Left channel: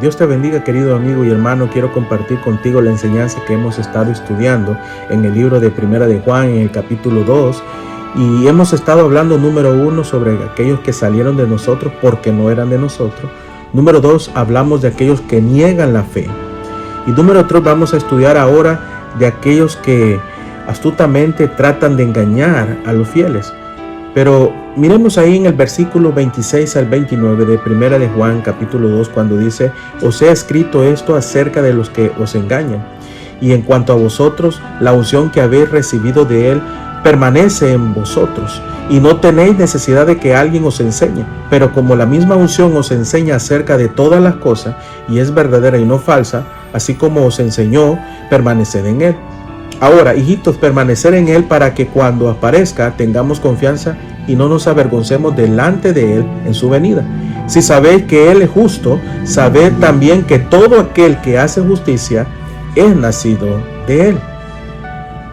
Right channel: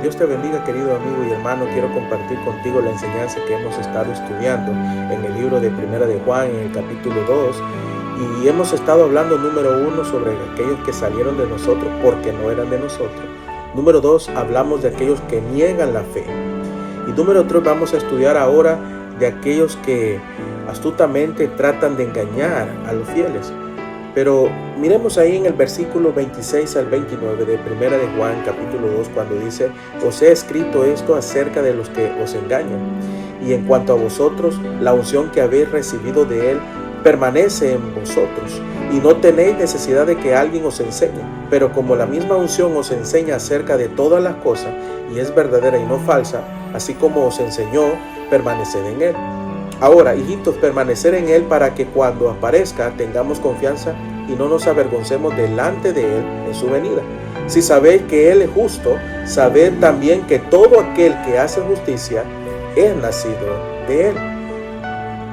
Dios te bendiga, querido amigo y hermano. Quiero compartir contigo la enseñanza que hemos estado estudiando en el libro de Primera de Juan, en el capítulo 2. Y hemos estado hablando, número 1, sobre aquellos que salieron de nosotros porque no eran de nosotros. Número 2, hablamos de aquellos que niegan la fe. Y número 3, vamos a estudiar ahora de aquellos que astutamente tratan de engañar a los fieles. Pero miremos ahí en el versículo 26 al 29 de Primera de Juan, capítulo 2, cuando dice: os he escrito esto acerca de los que os engañan. Y en cuanto a vosotros, la unción que habéis recibido de él permanece en vosotros, y no tenéis necesidad de que alguien os enseñe. Pero como la misma unción os enseña acerca de todas las cosas, y es verdadera y no falsa, así como os enseñó, permaneced en él. Ahora, hijitos, permanecer en él para que cuando aparezca tengamos confianza y no nos avergoncemos delante de él en su venida. Si sabéis que él es justo, sabed también que todo aquel que hace justicia es nacido de él.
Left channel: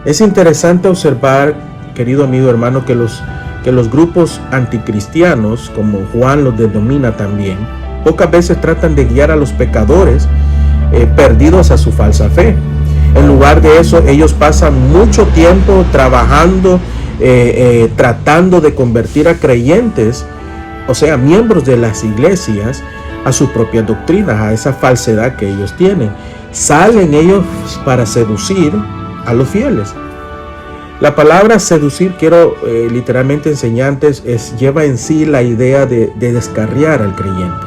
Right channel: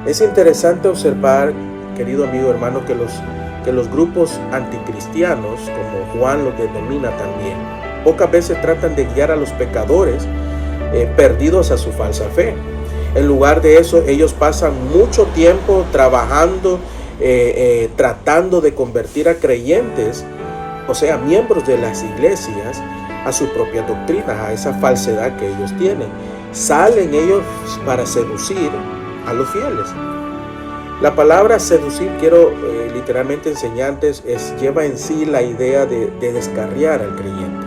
Es interesante observar, querido amigo hermano, que los grupos anticristianos, como Juan los denomina también, pocas veces tratan de guiar a los pecadores perdidos a su falsa fe. En lugar de eso, ellos pasan mucho tiempo trabajando, tratando de convertir a creyentes, o sea, miembros de las iglesias, a sus propias doctrinas, a esa falsedad que ellos tienen. Salen ellos para seducir a los fieles. La palabra seducir, quiero literalmente enseñantes, lleva en sí la idea de descarriar al creyente.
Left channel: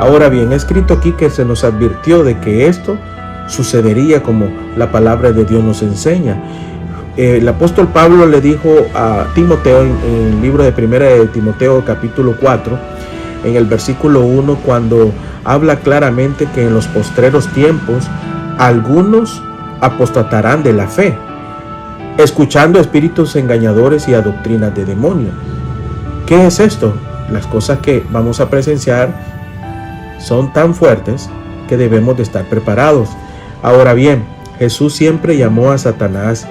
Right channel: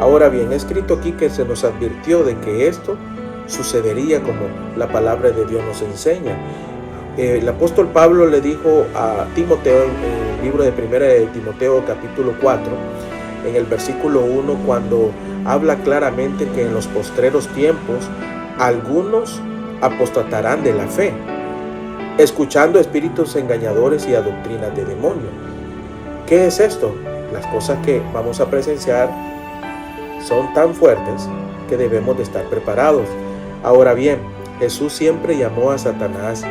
Ahora bien, he escrito aquí que se nos advirtió de que esto sucedería como la palabra de Dios nos enseña. El apóstol Pablo le dijo a Timoteo en el libro de Primera de Timoteo capítulo 4, en el versículo 1, cuando habla claramente que en los postreros tiempos algunos apostatarán de la fe, escuchando espíritus engañadores y a doctrinas de demonios. ¿Qué es esto? Las cosas que vamos a presenciar son tan fuertes que debemos de estar preparados. Ahora bien, Jesús siempre llamó a Satanás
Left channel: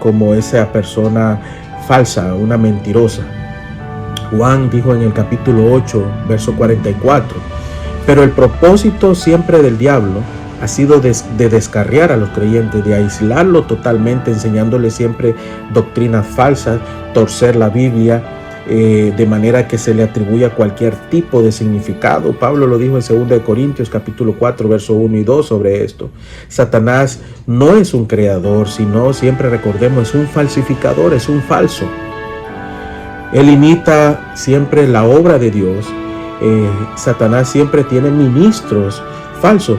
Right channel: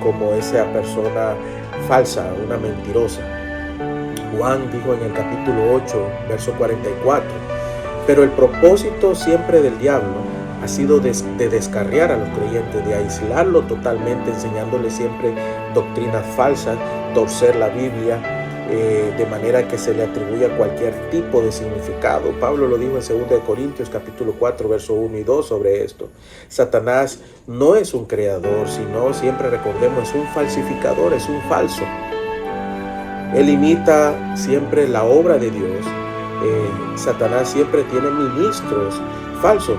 como esa persona falsa, una mentirosa. Juan dijo en el capítulo 8, verso 44, pero el propósito siempre del diablo ha sido de descarriar a los creyentes, de aislarlo totalmente, enseñándole siempre doctrinas falsas, torcer la Biblia, de manera que se le atribuya cualquier tipo de significado. Pablo lo dijo en 2 Corintios capítulo 4, verso 1 y 2 sobre esto. Satanás no es un creador, sino, siempre recordemos, es un falsificador, es un falso. Él imita siempre la obra de Dios. Satanás siempre tiene ministros falsos.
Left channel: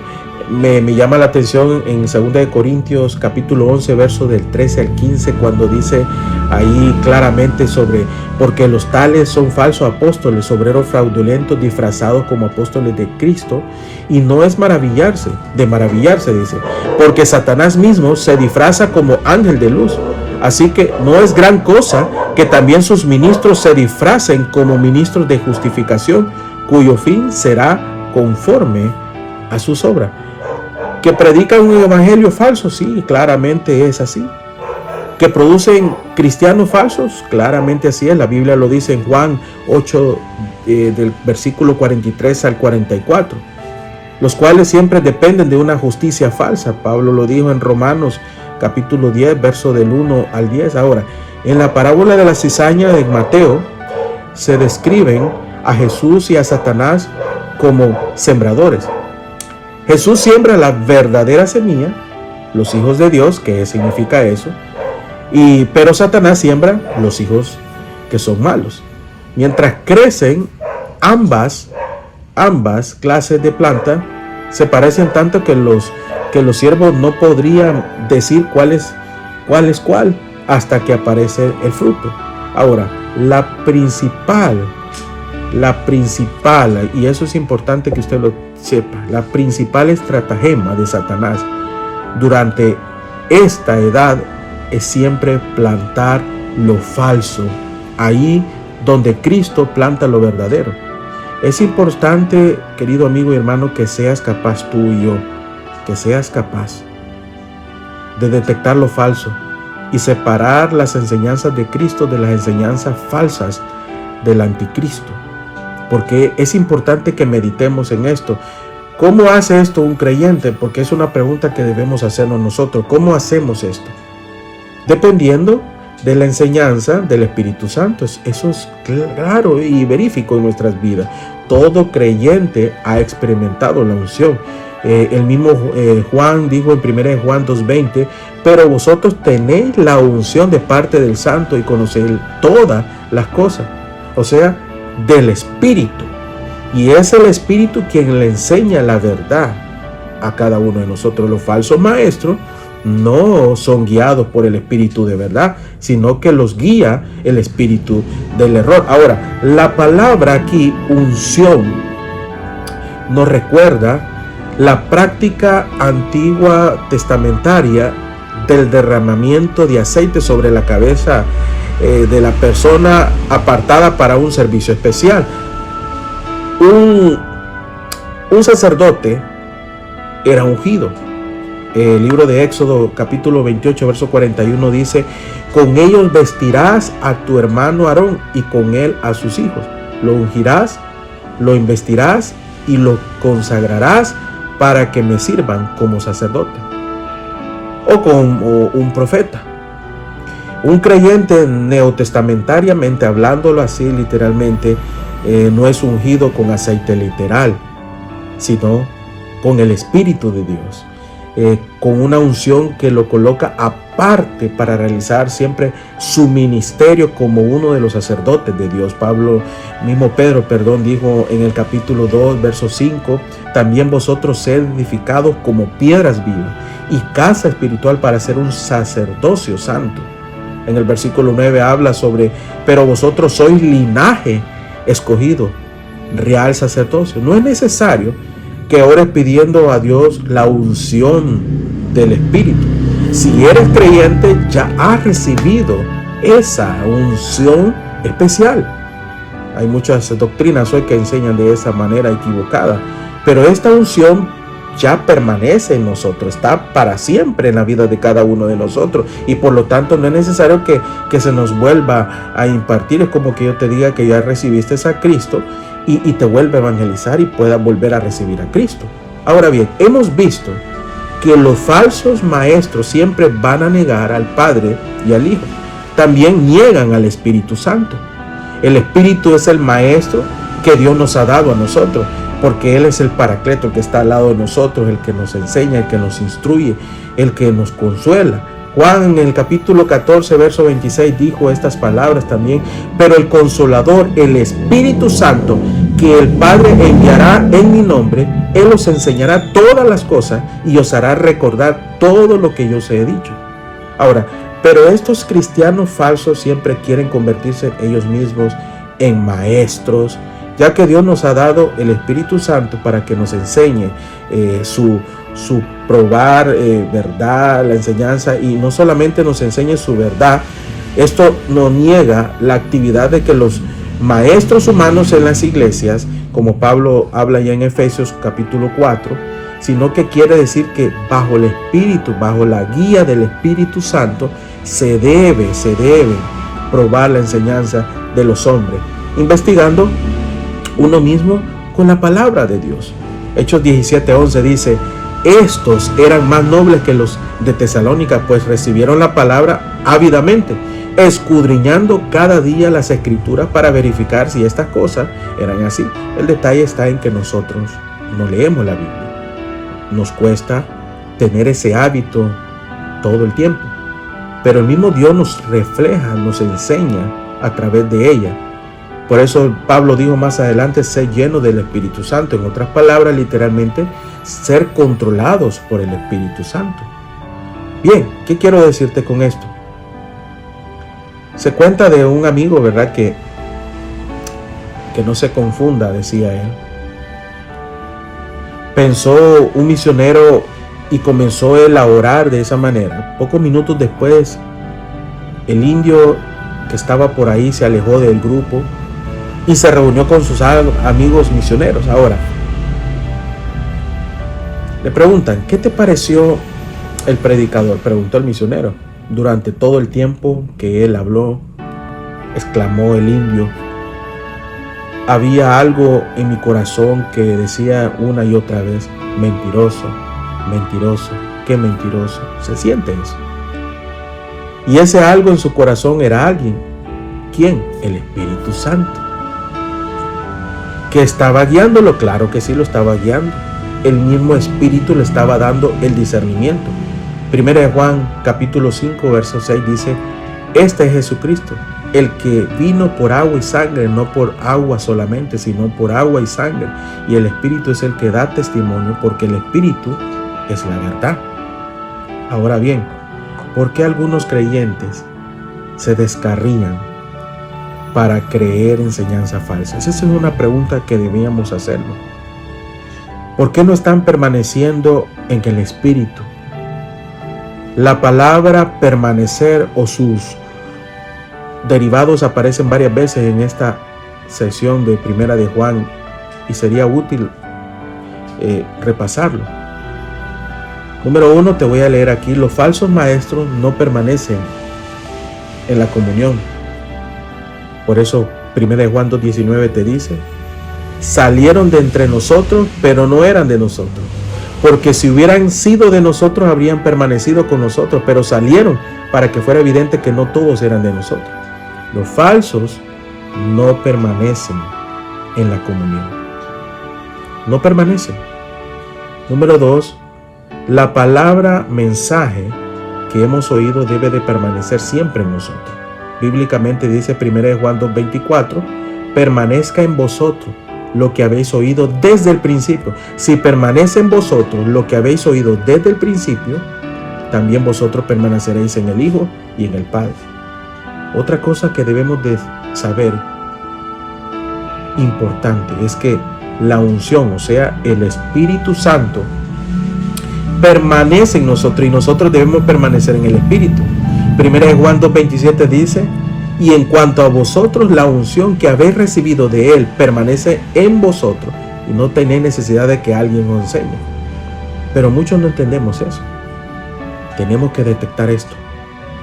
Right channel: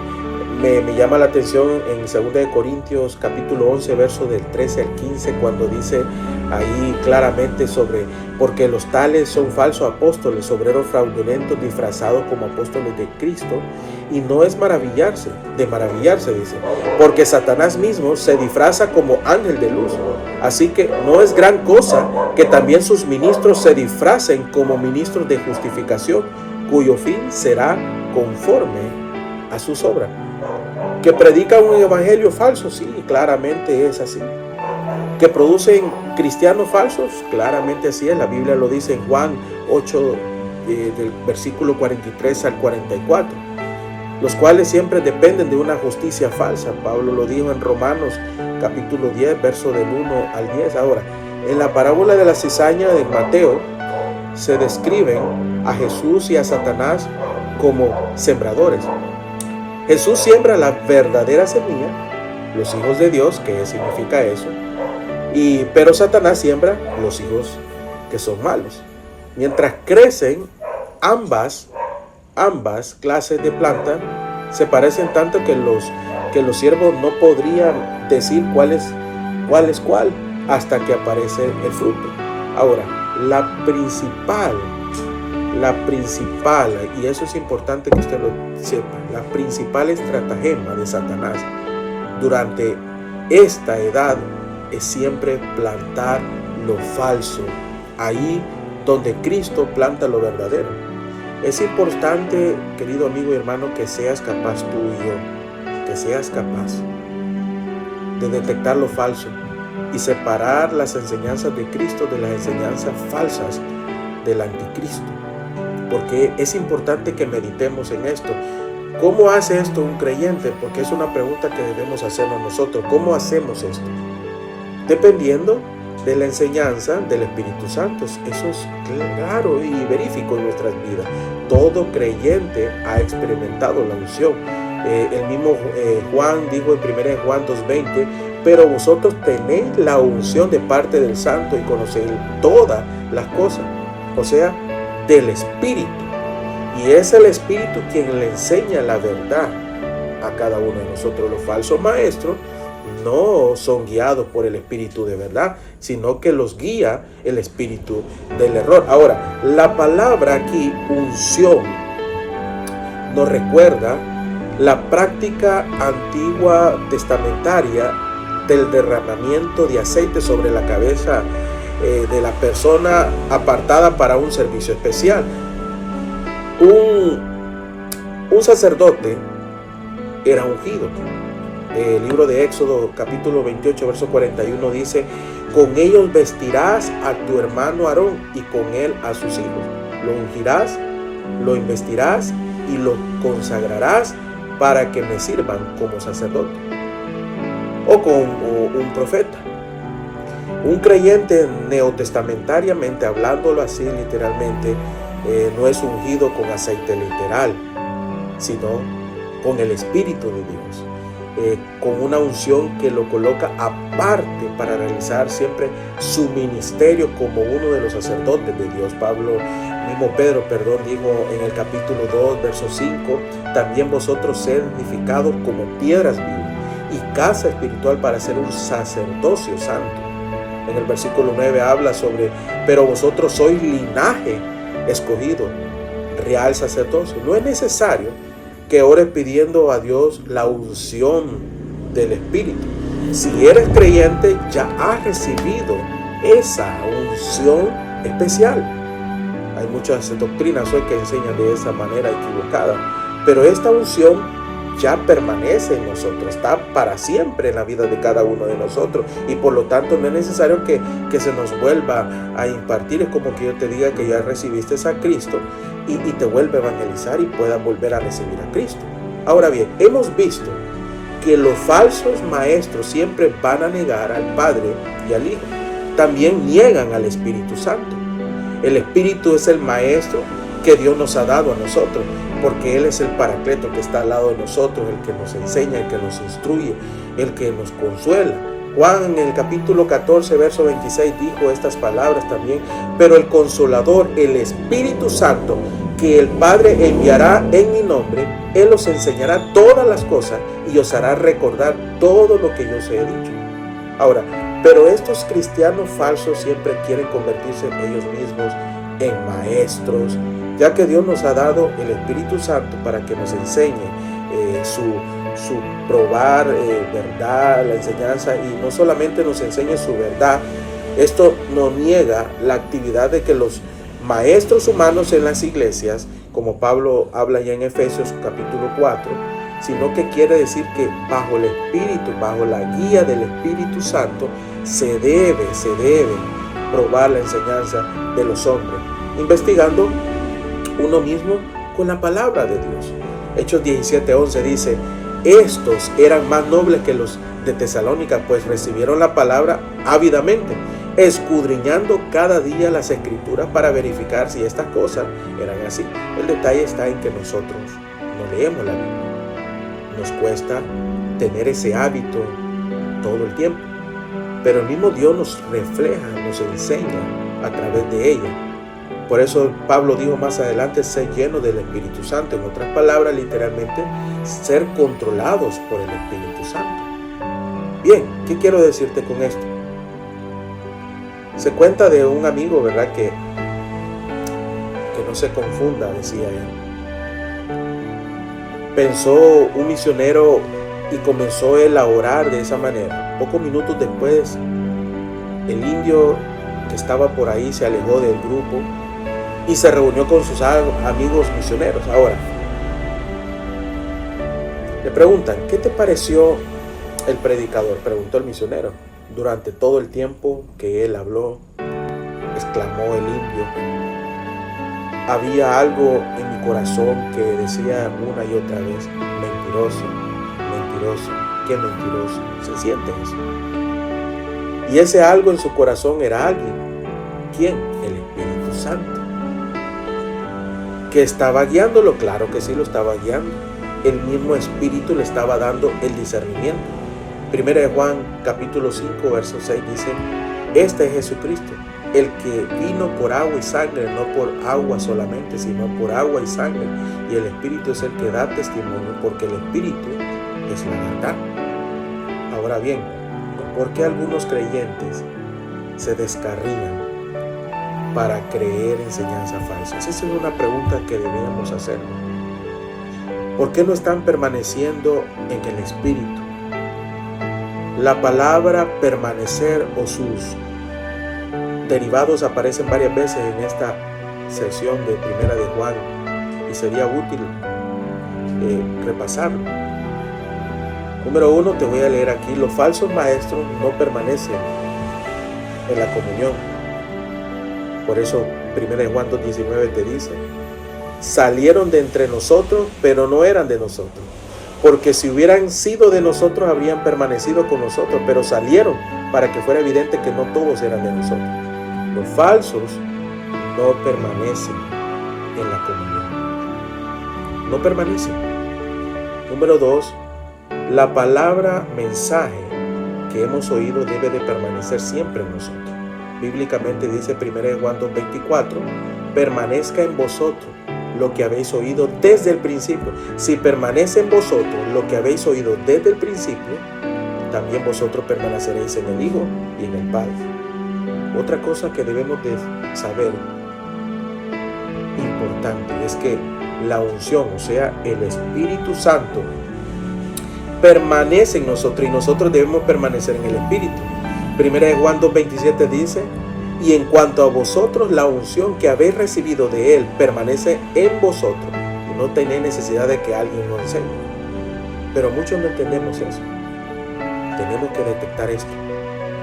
Me llama la atención en 2 Corintios capítulo 11, verso del 13 al 15, cuando dice ahí claramente sobre: porque los tales son falsos apóstoles, obreros fraudulentos, disfrazados como apóstoles de Cristo. Y no es de maravillarse, dice, porque Satanás mismo se disfraza como ángel de luz. Así que no es gran cosa que también sus ministros se disfracen como ministros de justificación, cuyo fin será conforme a sus obras. ¿Que predican un evangelio falso? Sí, claramente es así. ¿Que producen cristianos falsos? Claramente así es. La Biblia lo dice en Juan 8, del versículo 43 al 44. Los cuales siempre dependen de una justicia falsa. Pablo lo dijo en Romanos capítulo 10, verso del 1 al 10. Ahora, en la parábola de la cizaña de Mateo, se describen a Jesús y a Satanás como sembradores. Jesús siembra la verdadera semilla, los hijos de Dios, ¿qué significa eso? Pero Satanás siembra los hijos que son malos. Mientras crecen ambas clases de planta, se parecen tanto que los siervos no podrían decir cuál es cuál hasta que aparece el fruto. Ahora, la principal, y eso es importante que usted lo sepa, la principal estratagema de Satanás durante esta edad es siempre plantar lo falso, ahí donde Cristo planta lo verdadero. Es importante, querido amigo y hermano, que seas capaz, tú y yo, que seas capaz de detectar lo falso y separar las enseñanzas de Cristo de las enseñanzas falsas del anticristo. Porque es importante que meditemos en esto. ¿Cómo hace esto un creyente? Porque es una pregunta que debemos hacernos nosotros. ¿Cómo hacemos esto? Dependiendo de la enseñanza del Espíritu Santo. Eso es claro y verífico en nuestras vidas. Todo creyente ha experimentado la unción. El mismo Juan dijo en 1 Juan 2:20, pero vosotros tenéis la unción de parte del Santo y conocéis todas las cosas, o sea, del Espíritu. Y es el Espíritu quien le enseña la verdad a cada uno de nosotros. Los falsos maestros no son guiados por el Espíritu de verdad, sino que los guía el espíritu del error. Ahora, la palabra aquí, unción, nos recuerda la práctica antigua testamentaria del derramamiento de aceite sobre la cabeza de la persona apartada para un servicio especial. Un sacerdote era ungido. El libro de Éxodo capítulo 28 verso 41 dice: con ellos vestirás a tu hermano Aarón y con él a sus hijos. Lo ungirás, lo investirás y lo consagrarás para que me sirvan como sacerdote o como un profeta. Un creyente, neotestamentariamente hablándolo así literalmente, no es ungido con aceite literal, sino con el Espíritu de Dios. Con una unción que lo coloca aparte para realizar siempre su ministerio como uno de los sacerdotes de Dios. Pedro, dijo en el capítulo 2, verso 5, también vosotros sed edificados como piedras vivas y casa espiritual para ser un sacerdocio santo. En el versículo 9 habla sobre, pero vosotros sois linaje escogido, real sacerdocio. No es necesario que ores pidiendo a Dios la unción del Espíritu. Si eres creyente, ya has recibido esa unción especial. Hay muchas doctrinas hoy que enseñan de esa manera equivocada, pero esta unción ya permanece en nosotros, está para siempre en la vida de cada uno de nosotros, y por lo tanto no es necesario que se nos vuelva a impartir. Es como que yo te diga que ya recibiste a Cristo y te vuelve a evangelizar y puedas volver a recibir a Cristo. Ahora bien, hemos visto que los falsos maestros siempre van a negar al Padre y al Hijo. También niegan al Espíritu Santo. El Espíritu es el maestro que Dios nos ha dado a nosotros, porque Él es el Paracleto que está al lado de nosotros, el que nos enseña, el que nos instruye, el que nos consuela. Juan en el capítulo 14, verso 26 dijo estas palabras también: pero el Consolador, el Espíritu Santo, que el Padre enviará en mi nombre, Él os enseñará todas las cosas y os hará recordar todo lo que yo os he dicho. Ahora, pero estos cristianos falsos siempre quieren convertirse ellos mismos en maestros, ya que Dios nos ha dado el Espíritu Santo para que nos enseñe su probar verdad, la enseñanza, y no solamente nos enseñe su verdad. Esto no niega la actividad de que los maestros humanos en las iglesias, como Pablo habla ya en Efesios capítulo 4, sino que quiere decir que bajo el Espíritu, bajo la guía del Espíritu Santo, se debe probar la enseñanza de los hombres, investigando uno mismo con la palabra de Dios. Hechos 17:11 dice: estos eran más nobles que los de Tesalónica, pues recibieron la palabra ávidamente, escudriñando cada día las escrituras para verificar si estas cosas eran así. El detalle está en que nosotros no leemos la Biblia. Nos cuesta tener ese hábito todo el tiempo, pero el mismo Dios nos refleja, nos enseña a través de ella. Por eso Pablo dijo más adelante: ser lleno del Espíritu Santo. En otras palabras, literalmente, ser controlados por el Espíritu Santo. Bien, ¿qué quiero decirte con esto? Se cuenta de un amigo, ¿verdad? Que no se confunda, decía él. Pensó un misionero y comenzó él a orar de esa manera. Pocos minutos después, el indio que estaba por ahí se alejó del grupo y se reunió con sus amigos misioneros. Ahora, le preguntan: ¿qué te pareció el predicador? Preguntó el misionero. Durante todo el tiempo que él habló, exclamó el indio, había algo en mi corazón que decía una y otra vez: mentiroso, mentiroso, qué mentiroso. Se siente eso. Y ese algo en su corazón era alguien. ¿Quién? El Espíritu Santo. ¿Que estaba guiándolo? Claro que sí, lo estaba guiando. El mismo Espíritu le estaba dando el discernimiento. Primera de Juan capítulo 5 verso 6 dice: este es Jesucristo, el que vino por agua y sangre, no por agua solamente, sino por agua y sangre. Y el Espíritu es el que da testimonio, porque el Espíritu es la verdad. Ahora bien, ¿por qué algunos creyentes se descarrían para creer enseñanzas falsas? Esa es una pregunta que debíamos hacernos. ¿Por qué no están permaneciendo en el Espíritu? La palabra permanecer o sus derivados aparecen varias veces en esta sesión de Primera de Juan y sería útil repasarlo. Número 1, te voy a leer aquí: los falsos maestros no permanecen en la comunión. Por eso Primera de Juan 2:19 te dice: salieron de entre nosotros, pero no eran de nosotros. Porque si hubieran sido de nosotros, habrían permanecido con nosotros, pero salieron para que fuera evidente que no todos eran de nosotros. Los falsos no permanecen en la comunión. No permanecen. Número 2, la palabra mensaje que hemos oído debe de permanecer siempre en nosotros. Bíblicamente dice 1 Juan 2:24: permanezca en vosotros lo que habéis oído desde el principio. Si permanece en vosotros lo que habéis oído desde el principio, también vosotros permaneceréis en el Hijo y en el Padre. Otra cosa que debemos de saber importante es que la unción, o sea, el Espíritu Santo, permanece en nosotros y nosotros debemos permanecer en el Espíritu. 1 Juan 2:27 dice: y en cuanto a vosotros, la unción que habéis recibido de Él permanece en vosotros y no tenéis necesidad de que alguien os enseñe. Pero muchos no entendemos eso. Tenemos que detectar esto.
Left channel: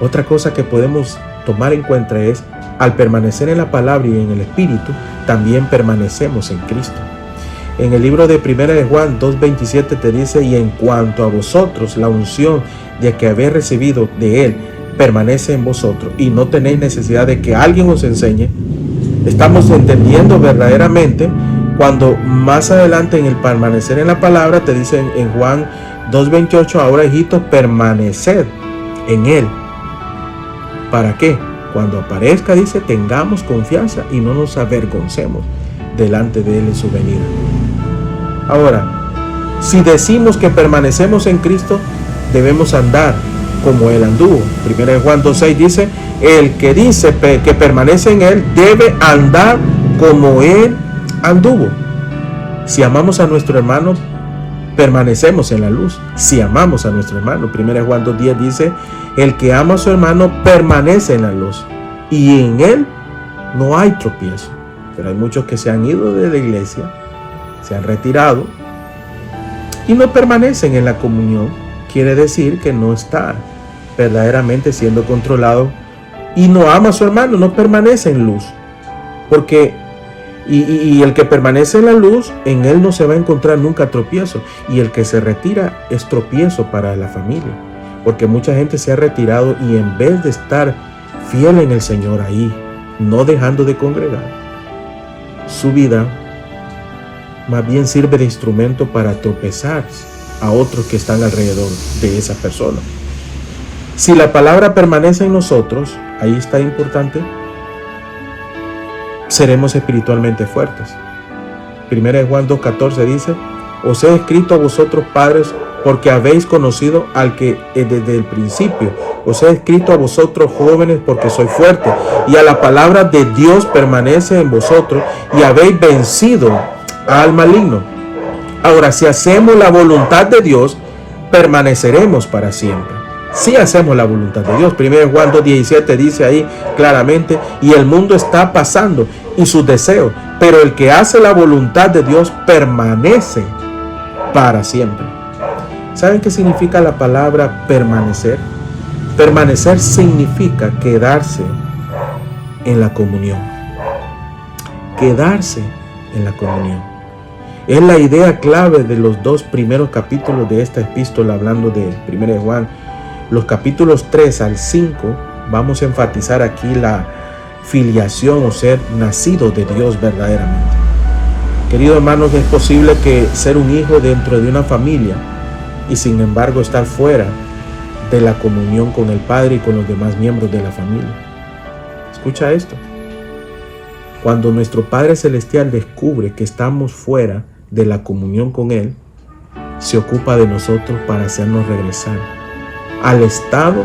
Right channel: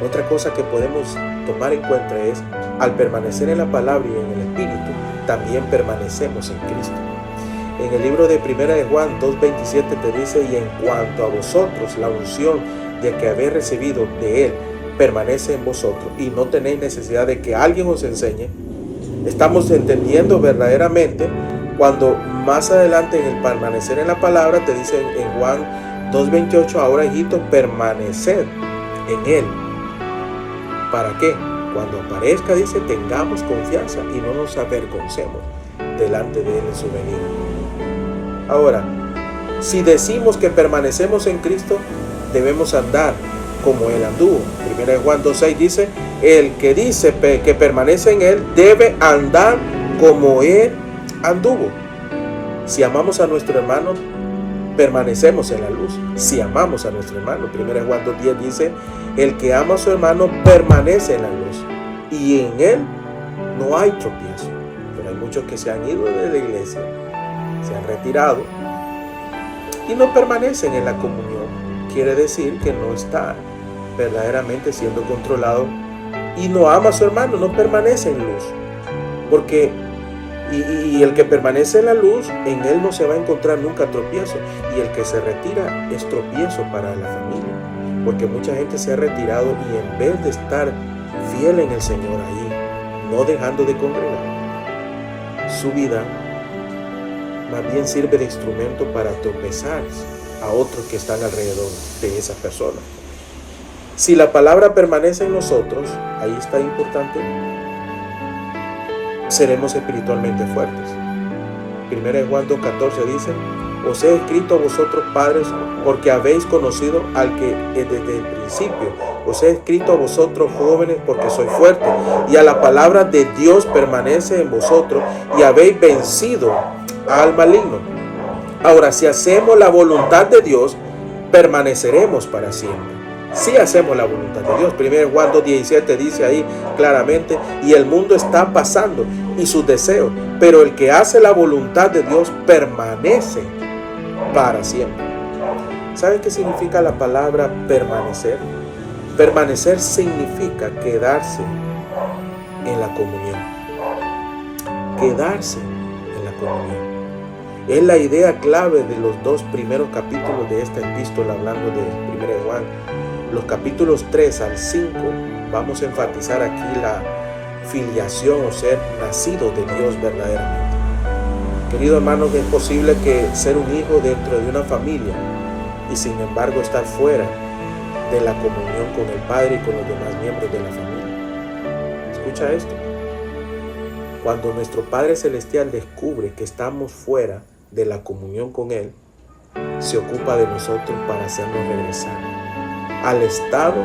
Otra cosa que podemos tomar en cuenta es: al permanecer en la palabra y en el Espíritu, también permanecemos en Cristo. En el libro de 1 de Juan 2:27 te dice: y en cuanto a vosotros, la unción de que habéis recibido de Él permanece en vosotros y no tenéis necesidad de que alguien os enseñe. Estamos entendiendo verdaderamente cuando más adelante en el permanecer en la palabra te dice en Juan 2:28: ahora, hijitos, permaneced en Él. ¿Para qué? Cuando aparezca, dice, tengamos confianza y no nos avergoncemos delante de Él en su venida. Ahora, si decimos que permanecemos en Cristo, debemos andar como Él anduvo. 1 Juan 2:6 dice: el que dice que permanece en Él debe andar como Él anduvo. Si amamos a nuestro hermano, permanecemos en la luz. Si amamos a nuestro hermano, 1 Juan 2:10 dice: el que ama a su hermano permanece en la luz y en él no hay tropiezo. Pero hay muchos que se han ido de la iglesia, se han retirado y no permanecen en la comunión. Quiere decir que no está verdaderamente siendo controlado y no ama a su hermano, no permanece en luz. Porque y el que permanece en la luz, en él no se va a encontrar nunca tropiezo. Y el que se retira es tropiezo para la familia. Porque mucha gente se ha retirado y en vez de estar fiel en el Señor ahí, no dejando de congregar, su vida más bien sirve de instrumento para tropezar a otros que están alrededor de esa persona. Si la palabra permanece en nosotros, ahí está importante, seremos espiritualmente fuertes. 1 Juan 2:14 dice: os he escrito a vosotros, padres, porque habéis conocido al que desde el principio. Os he escrito a vosotros, jóvenes, porque sois fuertes, y a la palabra de Dios permanece en vosotros, y habéis vencido al maligno. Ahora, si hacemos la voluntad de Dios, permaneceremos para siempre. Si hacemos la voluntad de Dios. 1 Juan 2:17 dice ahí claramente: y el mundo está pasando y sus deseos, pero el que hace la voluntad de Dios permanece para siempre. ¿Saben qué significa la palabra permanecer? Permanecer significa quedarse en la comunión. Quedarse en la comunión. Es la idea clave de los 2 primeros capítulos de esta epístola, hablando de 1 de Juan. Los capítulos 3 al 5 vamos a enfatizar aquí la filiación o ser nacido de Dios verdaderamente. Queridos hermanos, es posible que ser un hijo dentro de una familia y sin embargo estar fuera de la comunión con el Padre y con los demás miembros de la familia. Escucha esto. Cuando nuestro Padre Celestial descubre que estamos fuera de la comunión con Él, se ocupa de nosotros para hacernos regresar al estado,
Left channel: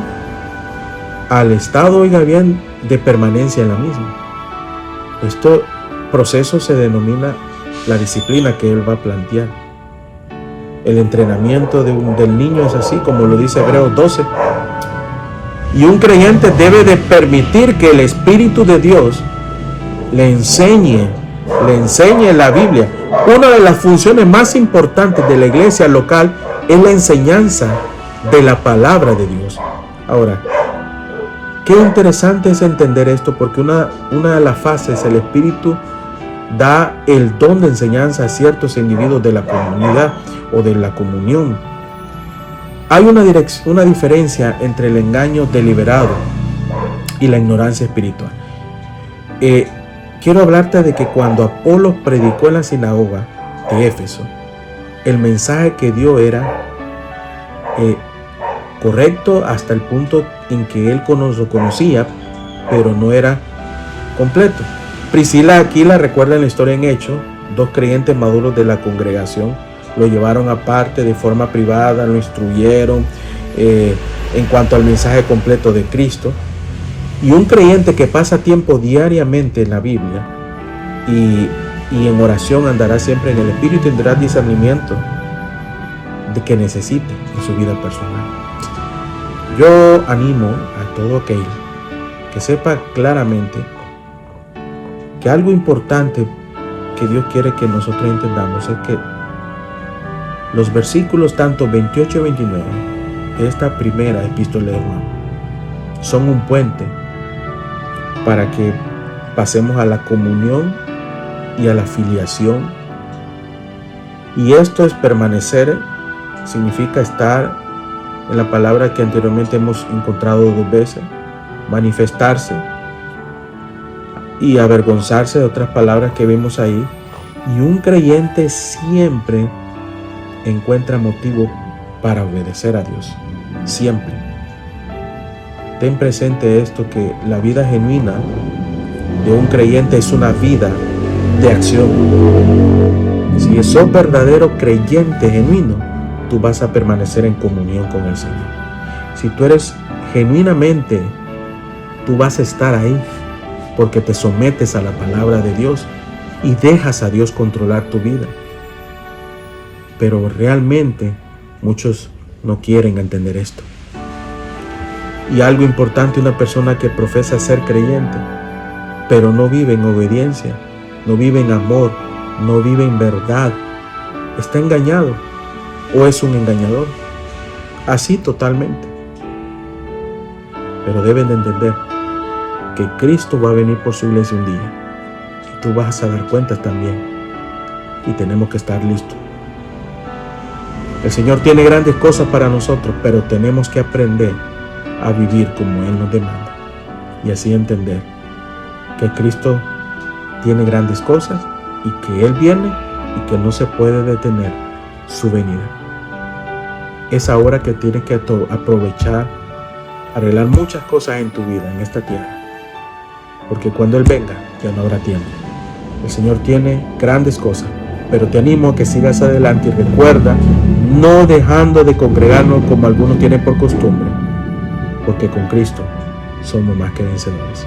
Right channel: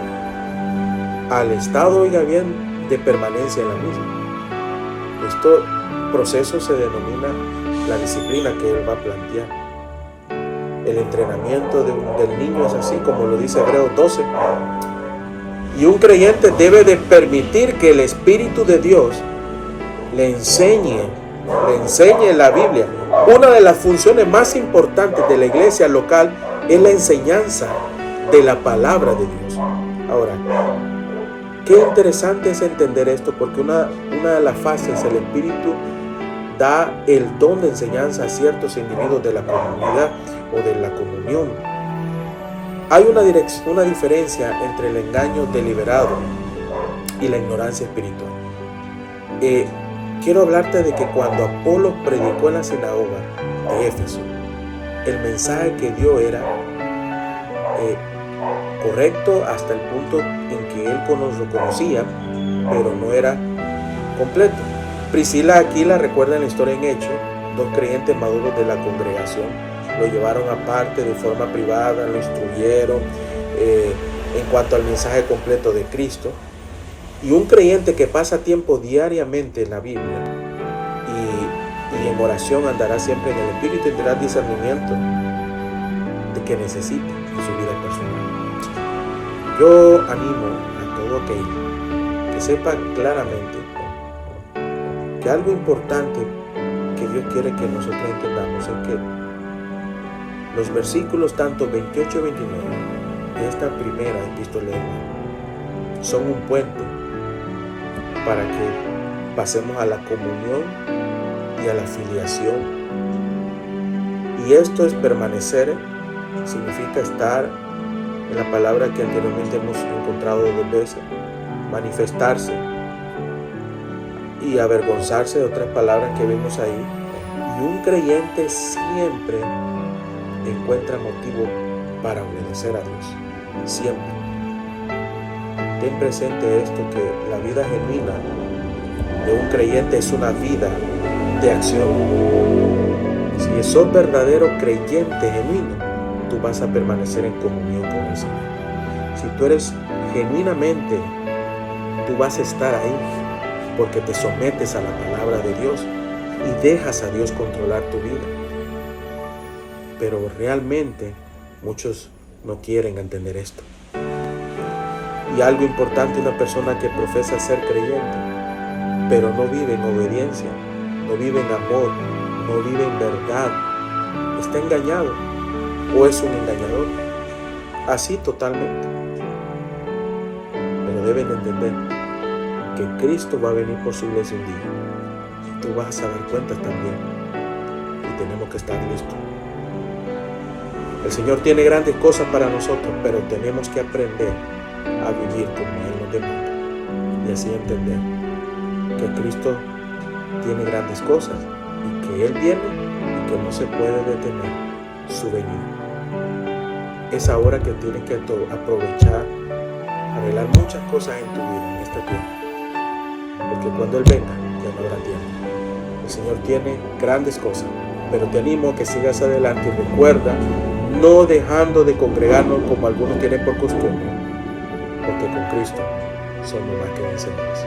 oiga bien, de permanencia en la misma. Este proceso se denomina la disciplina que Él va a plantear. El entrenamiento del niño es así, como lo dice Hebreos 12. Y un creyente debe de permitir que el Espíritu de Dios le enseñe la Biblia. Una de las funciones más importantes de la iglesia local es la enseñanza de la palabra de Dios. Ahora, qué interesante es entender esto, porque una de las fases, el Espíritu da el don de enseñanza a ciertos individuos de la comunidad o de la comunión. Hay una diferencia entre el engaño deliberado y la ignorancia espiritual. Quiero hablarte de que cuando Apolos predicó en la sinagoga de Éfeso, el mensaje que dio era correcto hasta el punto en que él lo conocía, pero no era completo. Priscila y Aquila, recuerden la historia en Hechos, 2 creyentes maduros de la congregación, lo llevaron aparte de forma privada, lo instruyeron en cuanto al mensaje completo de Cristo. Y un creyente que pasa tiempo diariamente en la Biblia y en oración andará siempre en el Espíritu y tendrá discernimiento de que necesite en su vida personal. Yo animo a todo aquel que sepa claramente que algo importante que Dios quiere que nosotros entendamos es que los versículos tanto 28 y 29 de esta primera epístola de Juan son un puente para que pasemos a la comunión y a la filiación. Y esto es permanecer, significa estar en la palabra que anteriormente hemos encontrado 2 veces, manifestarse y avergonzarse, de otras palabras que vimos ahí. Y un creyente siempre encuentra motivo para obedecer a Dios, siempre. Ten presente esto, que la vida genuina de un creyente es una vida de acción. Si sos verdadero creyente genuino, tú vas a permanecer en comunión con el Señor. Si tú eres genuinamente, tú vas a estar ahí porque te sometes a la palabra de Dios y dejas a Dios controlar tu vida. Pero realmente muchos no quieren entender esto. Y algo importante, una persona que profesa ser creyente, pero no vive en obediencia, no vive en amor, no vive en verdad, está engañado o es un engañador. Así totalmente. Pero deben de entender que Cristo va a venir por su iglesia un día y tú vas a dar cuentas también, y tenemos que estar listos. El Señor tiene grandes cosas para nosotros, pero tenemos que aprender a vivir como Él nos demanda y así entender que Cristo tiene grandes cosas y que Él viene y que no se puede detener su venida. Es ahora que tienes que aprovechar, arreglar muchas cosas en tu vida, en esta tierra, porque cuando Él venga ya no habrá tiempo. El Señor tiene grandes cosas, pero te animo a que sigas adelante y recuerda, no dejando de congregarnos como algunos tienen por costumbre, porque con Cristo somos más que vencedores.